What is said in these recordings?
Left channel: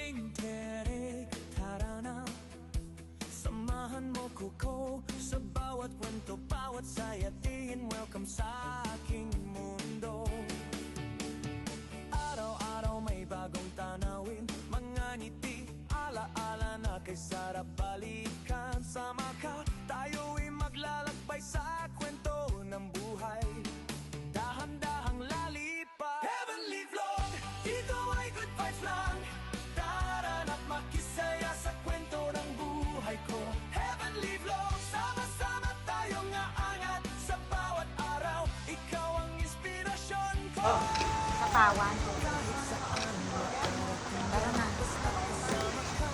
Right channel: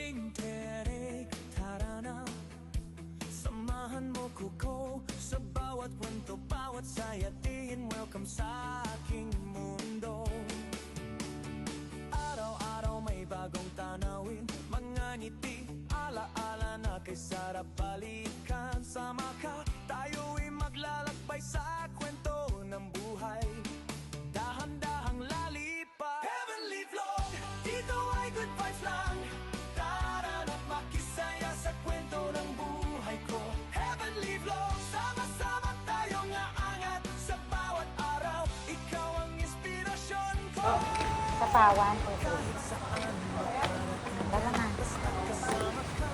vlogging tiyarik tara na. Samahan mo ko sa bawat kwento, bawat saya, tingin welcome sa aking mundo. Araw-araw may bagong tanawin, mga ngiti, ala-ala na kay sarap balikan. Sama ka, tayo'y maglalakbay sa kwento ng buhay. Dahan-dahang lalipat, Heavenly Vlog, dito ay good vibes lang. Tara na't makisaya sa kwento ng buhay ko. Heavenly Vlog, sama-sama tayong aangat sa bawat araw. Ikaw ang inspirasyon ko. Katawan. Kahit saan makarating yan, basta kasama ka.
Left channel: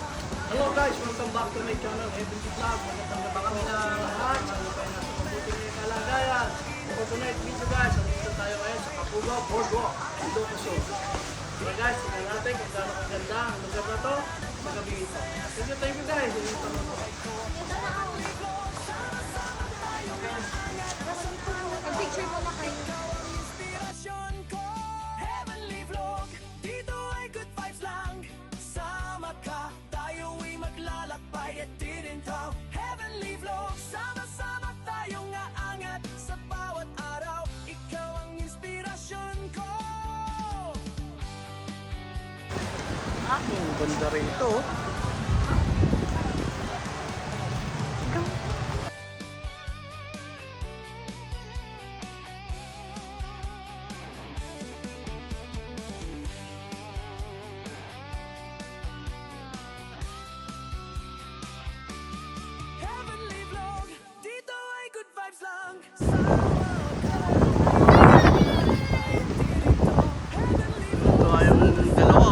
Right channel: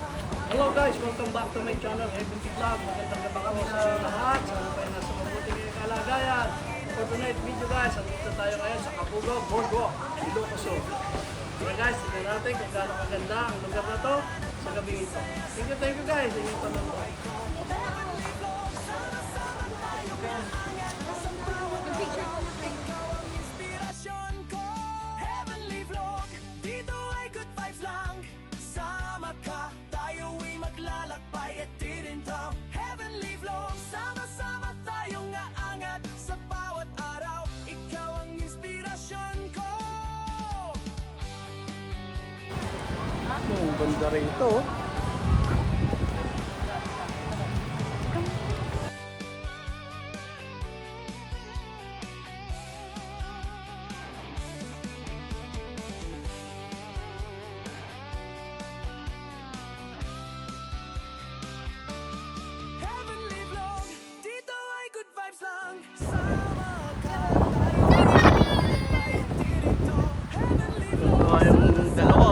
Hello guys, welcome back to my channel, Heavenly Vlog. Magandang gabi po sa lahat. Sana kayo nasa mabuting kalagayan. For tonight's video guys, andito tayo ngayon sa Kabugao Boardwalk, Ilocos Sur. So guys, tingnan natin kung gaano kaganda ang lugar na to sa gabing ito. Thank you guys. Yung tanong ko. Ikaw ang inspirasyon ko. Heavenly Vlog, dito ay good vibes lang. Sama ka, tayo'y maglalakbay at tinintaw. Heavenly Vlog, sama-sama tayong aangat sa bawat araw. Ikaw ang inspirasyon ko. Ang banda rito. Heavenly Vlog, dito ay good vibes lang. Sama ka, tayo'y tinintaw. Heavenly Vlog. Ito ay yung dalawa.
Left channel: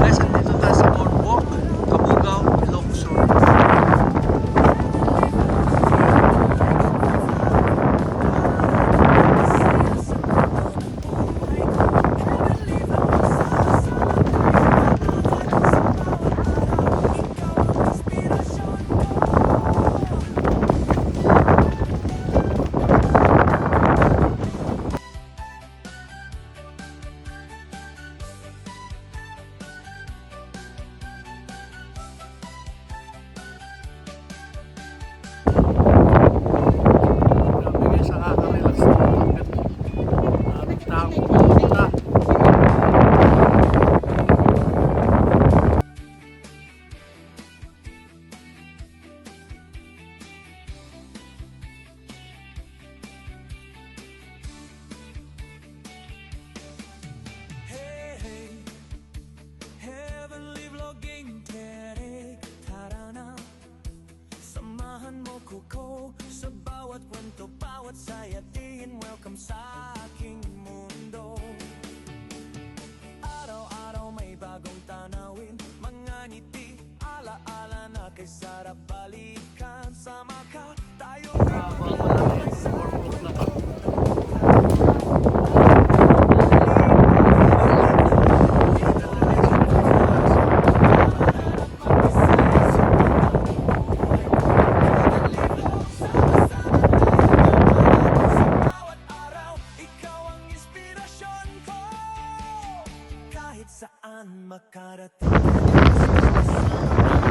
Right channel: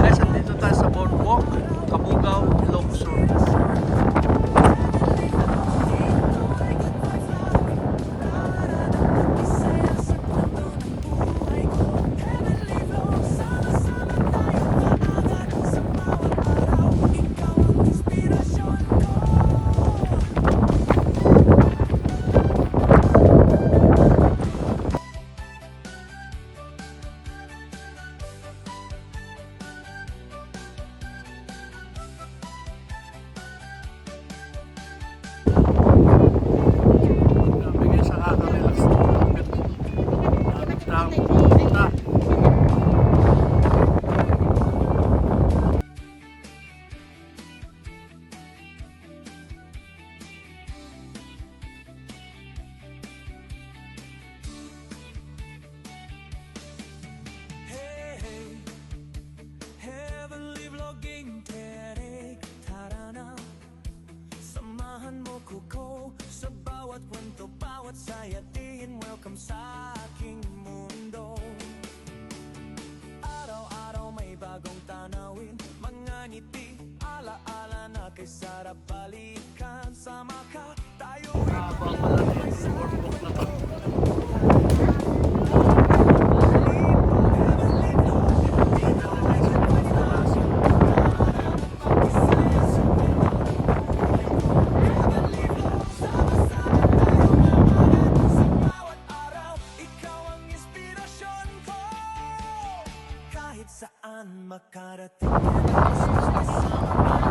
Guys, andito tayo sa Boardwalk, Kabugao, Ilocos Sur. Grabe guys, nakaka-relax na ito. Maraming tao pumunta. Hey, Heavenly Vlogging tiyarik tara na. Samahan mo ko sa bawat kwento, bawat saya, tingin welcome sa aking mundo. Araw-araw may bagong tanawin, mga ngiti, ala-ala na kay sarap balikan. Sama ka, tayo'y Habang malaki yung boardwalk na to. bawat araw, ikaw ang inspirasyon ko. Kahit saan makarating, basta kasama ka.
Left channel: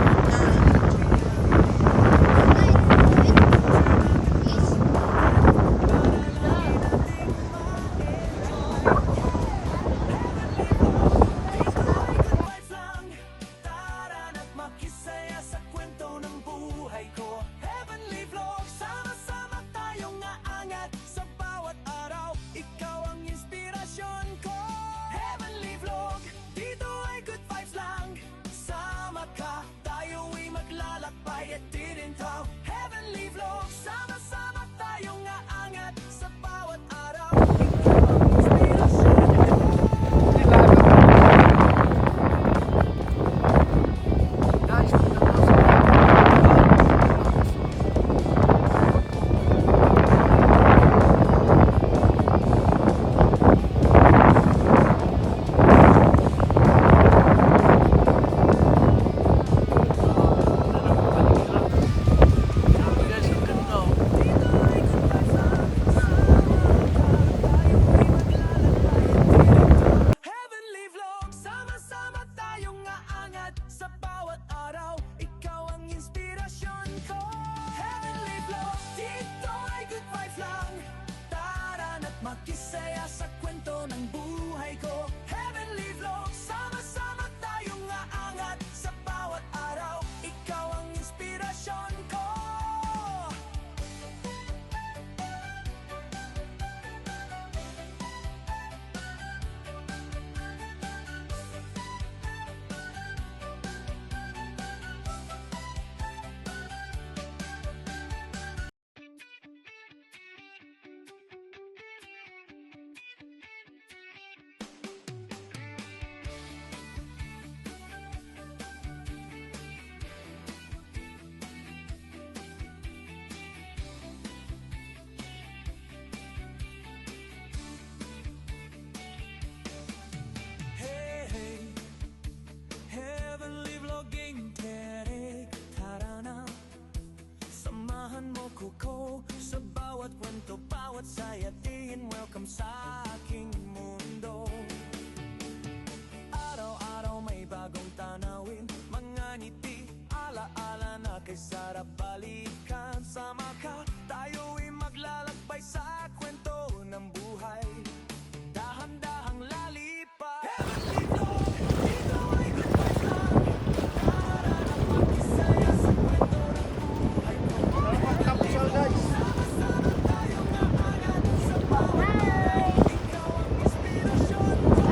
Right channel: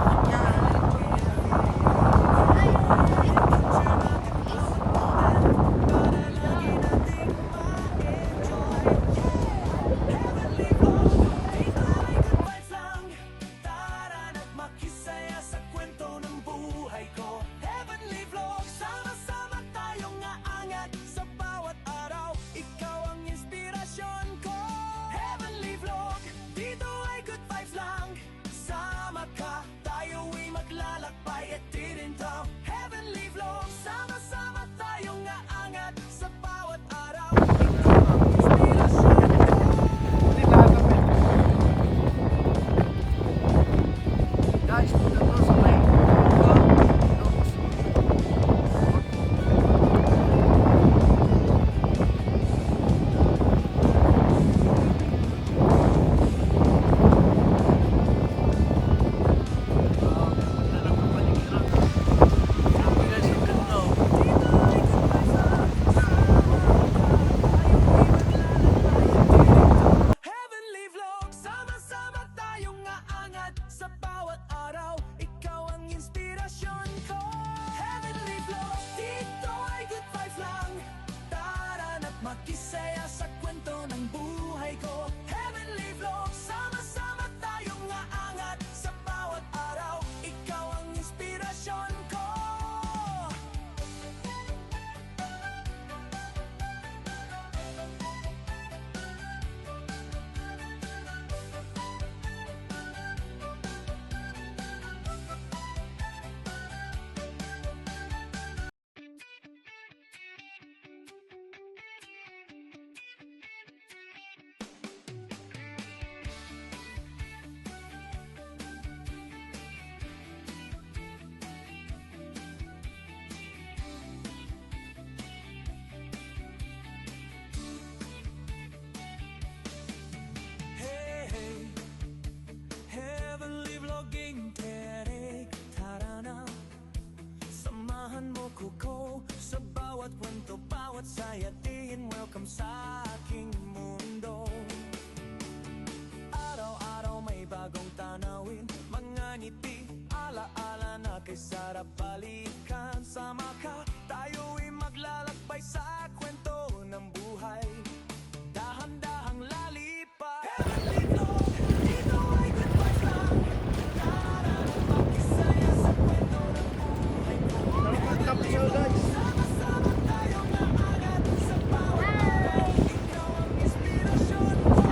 Samahan mo ko sa bawat kwento, bawat sayatiin. Welcome sa aking mundo. Araw-araw may bagong tanawin, mga ngiti, ala-ala na kay sarap balikan. Sama ka, tayo'y maglalakbay sa kwento ng buhay. Dahan-dahang lalipad. Heavenly Vlog, dito ay good vibes lang. Tara na makisaya sa kwento ng buhay ko. Kapsel guys. Sama-sama tayong aangat sa bawat araw. Ikaw ang inspirasyon ko.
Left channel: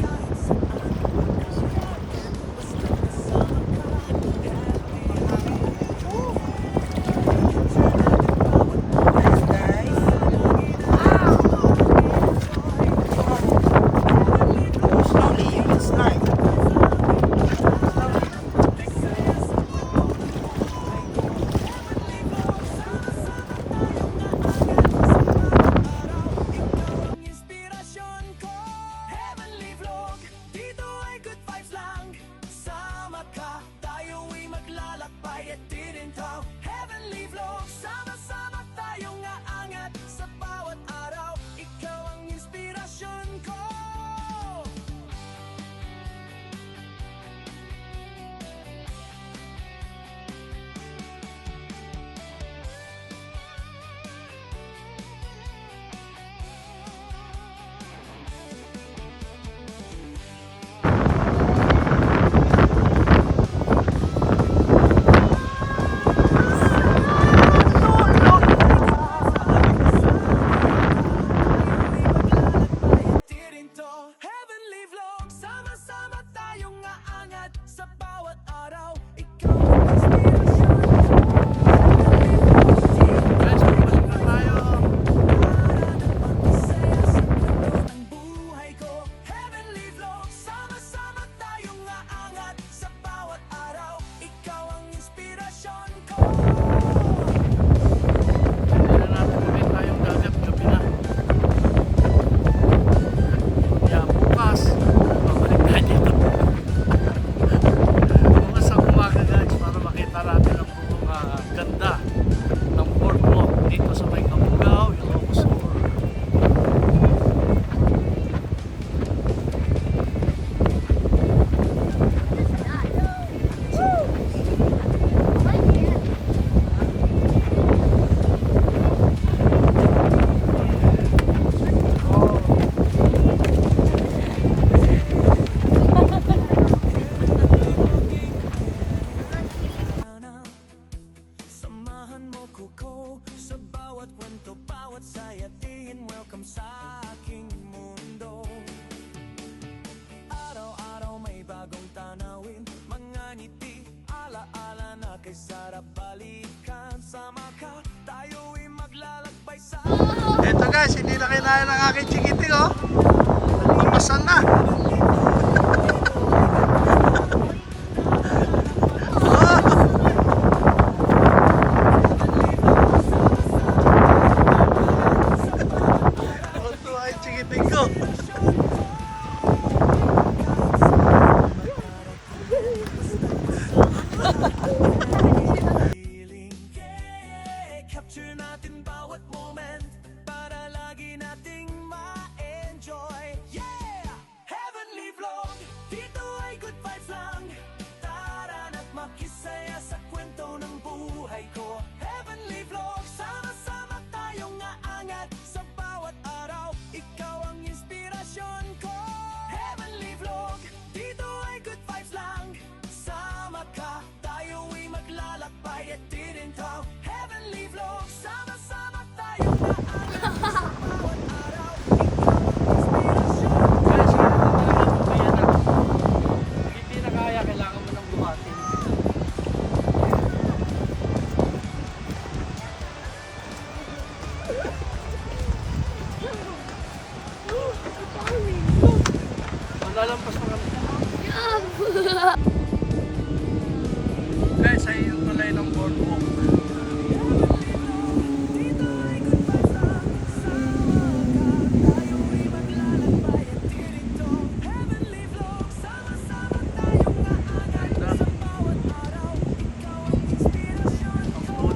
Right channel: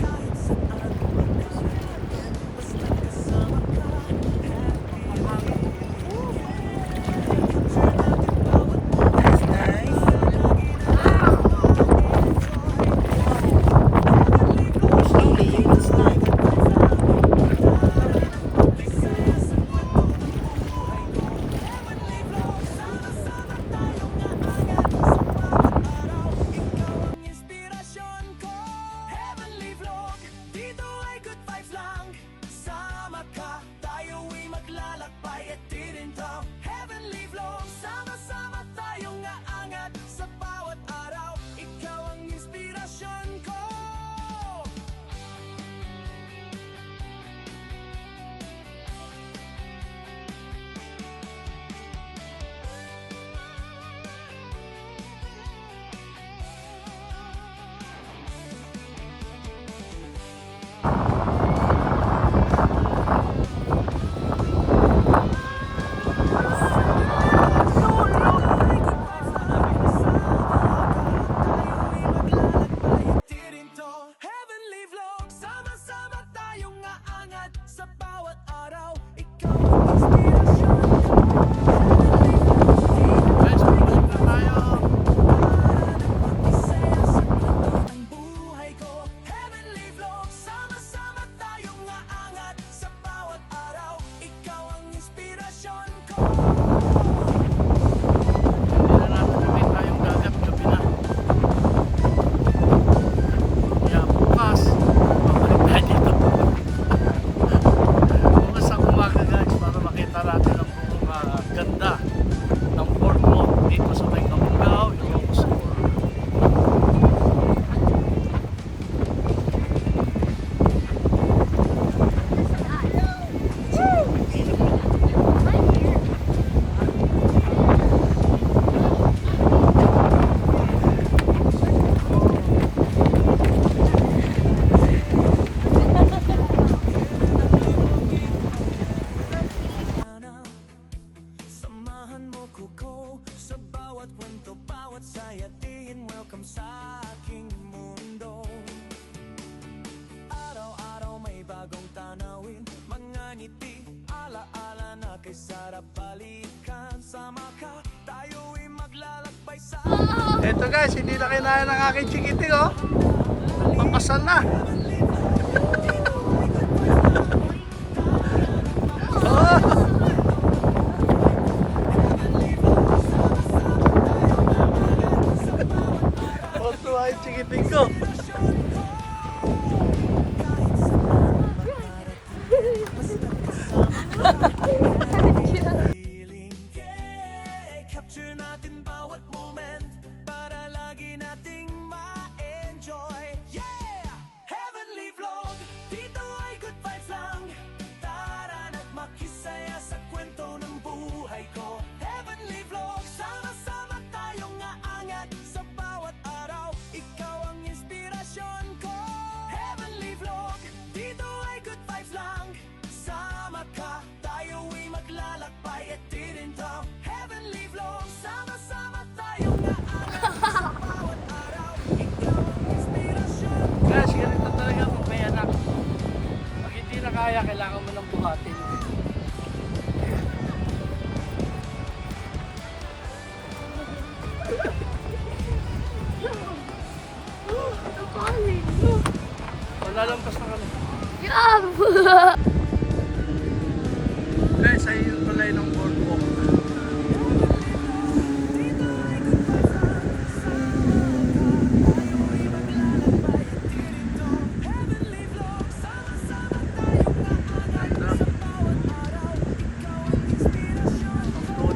Kahit saan magdarating, basta kasama ka. Happy. Capture natin bawat moment. Nice. Lagi na Heavenly Vlog, Slowly, it's nice. magsaya sa kwento ng buhay ko. Heavenly Vlog, sama-sama tayong aangat sa bawat araw. Ikaw ang inspirasyon ko. Heavenly Vlog, dito ay good vibes lang. Sama ka, tayo'y maglalakbay at tirintaw. Heavenly Vlog, sama-sama tayong aangat sa bawat araw. Ikaw ang inspirasyon ko. Heavenly Vlog, sama-sama tayong aangat sa bawat araw. Ikaw ang inspirasyon ko. Guys, pabalik na tayo. Para na makisaya sa kwento ng buhay ko. Heavenly Vlog, sama-sama tayong aangat sa bawat araw. Ikaw ang inspirasyon ko. Hindi na natin ulit tayong dagat, gabi na. Kaya bukas, babalik tayo dito. Bukas sa umaga guys, para makita natin ang buong ganda ng boardwalk dito sa may Kabungao, Ilocos Sur. Samahan mo ko sa bawat kwento, bawat sayatiin. Welcome sa aking mundo. Araw-araw may bagong tanawin, mga ngiti, ala-ala na kay sarap balikan. Sama ka, tayo'y maglalakbay sa Eto guys, hindi na kinaya ng aking chikiting oh. Nagpapasan na. Oh, tuwa yung chikiting ko. feeling. Yeah, capture natin bawat moment para lagi nating ma-enjoy. Yeah! Heavenly Vlog, dito ay good vibes lang. Tara na't makisaya sa kwento ng buhay ko. Heavenly Vlog, sama-sama tayong aangat sa bawat araw. Ikaw ang inspirasyon ko. Heavenly Vlog, dito ay good vibes lang. Sama ka, tayo'y maglalakbay at tirintaw. Heavenly Vlog, sama-sama tayong aangat sa bawat araw. Ikaw ang inspirasyon. Guys, ganito talaga pag may anak. Pag hindi na kaya, kailangan mo nang buhatin. O, lalampas na kami. Guys, ay yung tulay ng boardwalk. Dito ay good vibes lang. Sama ka, tayo'y maglalakbay at tirinto. Heavenly Vlog, sama-sama tayong aangat sa bawat araw. Ikaw ang inspirasyon ko.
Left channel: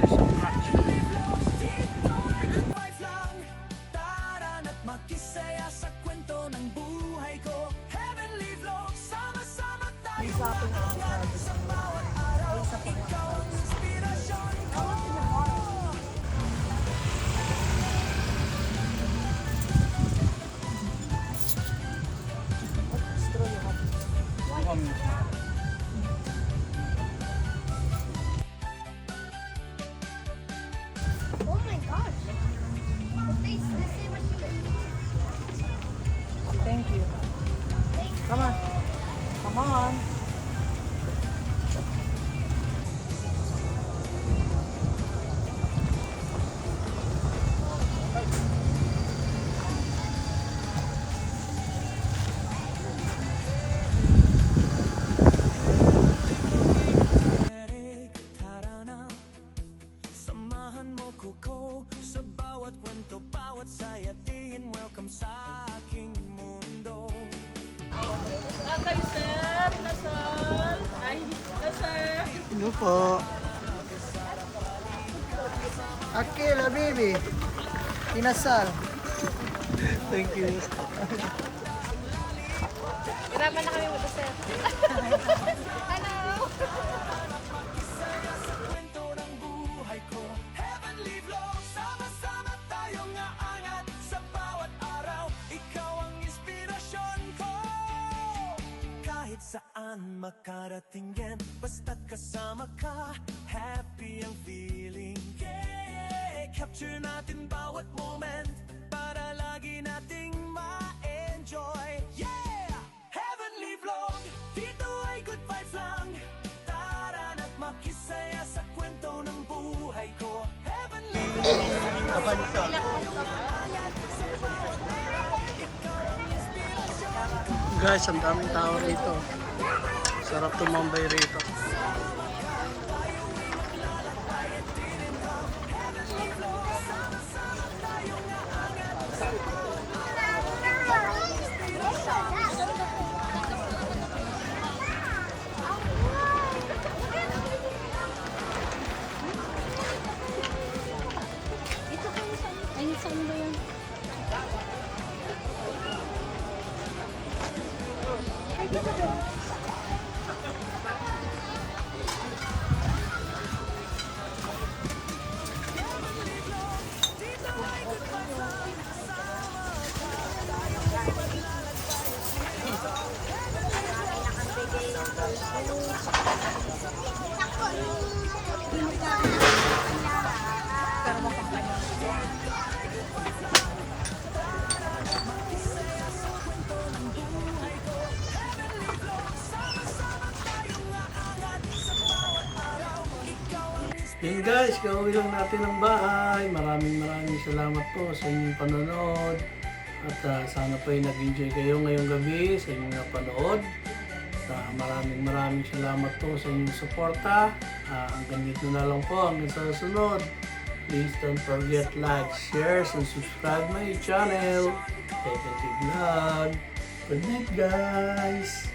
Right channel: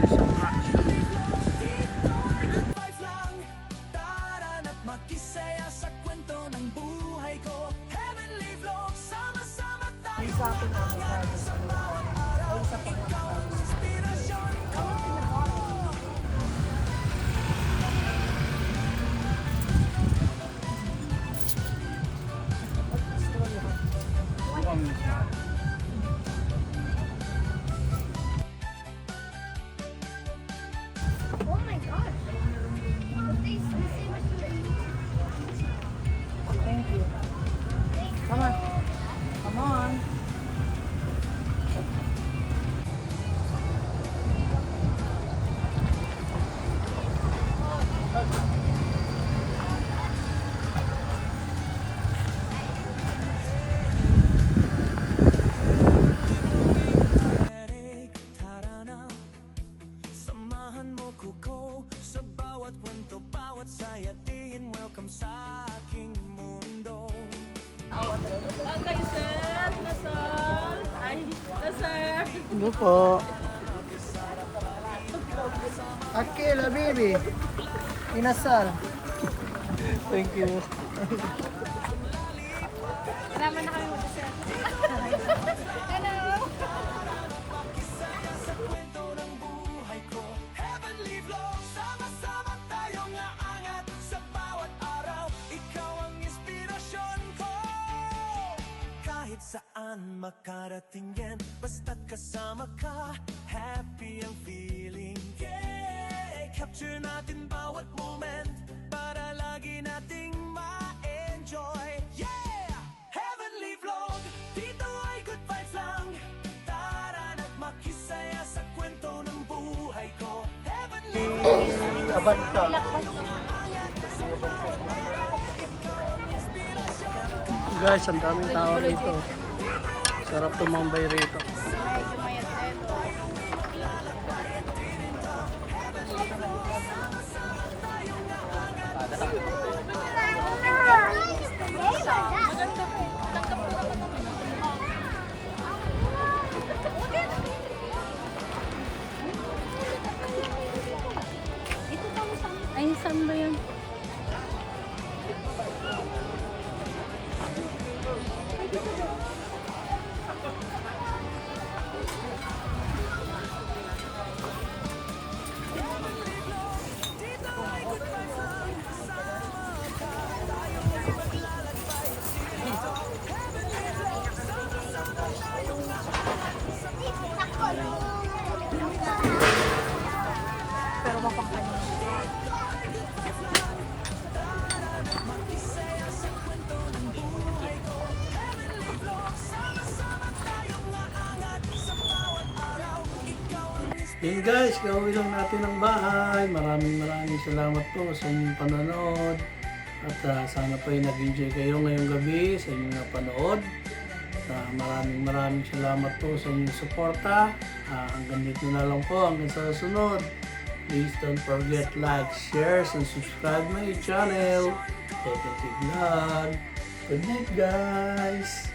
puso ko. Sa bawat kwento, bawat saya, tingin welcome sa aking mundo. Nasal, nasal. Ay, nasal. Ano po? Akil, Habibi. Inasal. Thank you. Marami na kami mag-asal. Makisaya sa kwento ng buhay ko. Heavenly vlog, sama-sama tayong aangat. Sa bawat araw, ikaw ang inspirasyon ko. Kahit saan makarating yan, basta't kasama ka, happy ang feeling. Yeah, capture natin bawat moment para lagi nating ma-enjoy. Yeah, Heavenly Vlog, dito ay good vibes lang. Tara na't makisaya sa kwento ng buhay ko. Heavenly Vlog, sama-sama tayong aangat. Sa bawat araw, ikaw ang inspirasyon ko. Guys, ang daming tao rito. Sarap tumambay rito. Ito pa mo saan? Ay, saan ba yun? Heavenly Vlog, dito ay good vibes lang. Sama ka, tayo ay maglalakbay at sirito. Heavenly Vlog, sama-sama tayong aangat. Sa bawat araw, ikaw ang dito ay good vibes lang. Tara na't makisaya sa kwento ng buhay ko. Heavenly Vlog, sama-sama tayong aangat. Sa bawat araw, ikaw ang Yan guys, gawin lang natin ang bahay. Maraming salamat po sa inyong panonood. At sana po ay nag-enjoy kayo ngayong gabi sa inyong napanood. At maraming salamat po sa inyong suporta. Hanggang dito na lang po, hanggang sa susunod. Please don't forget like, share, and subscribe my channel. Pepe Vlog. Good night guys!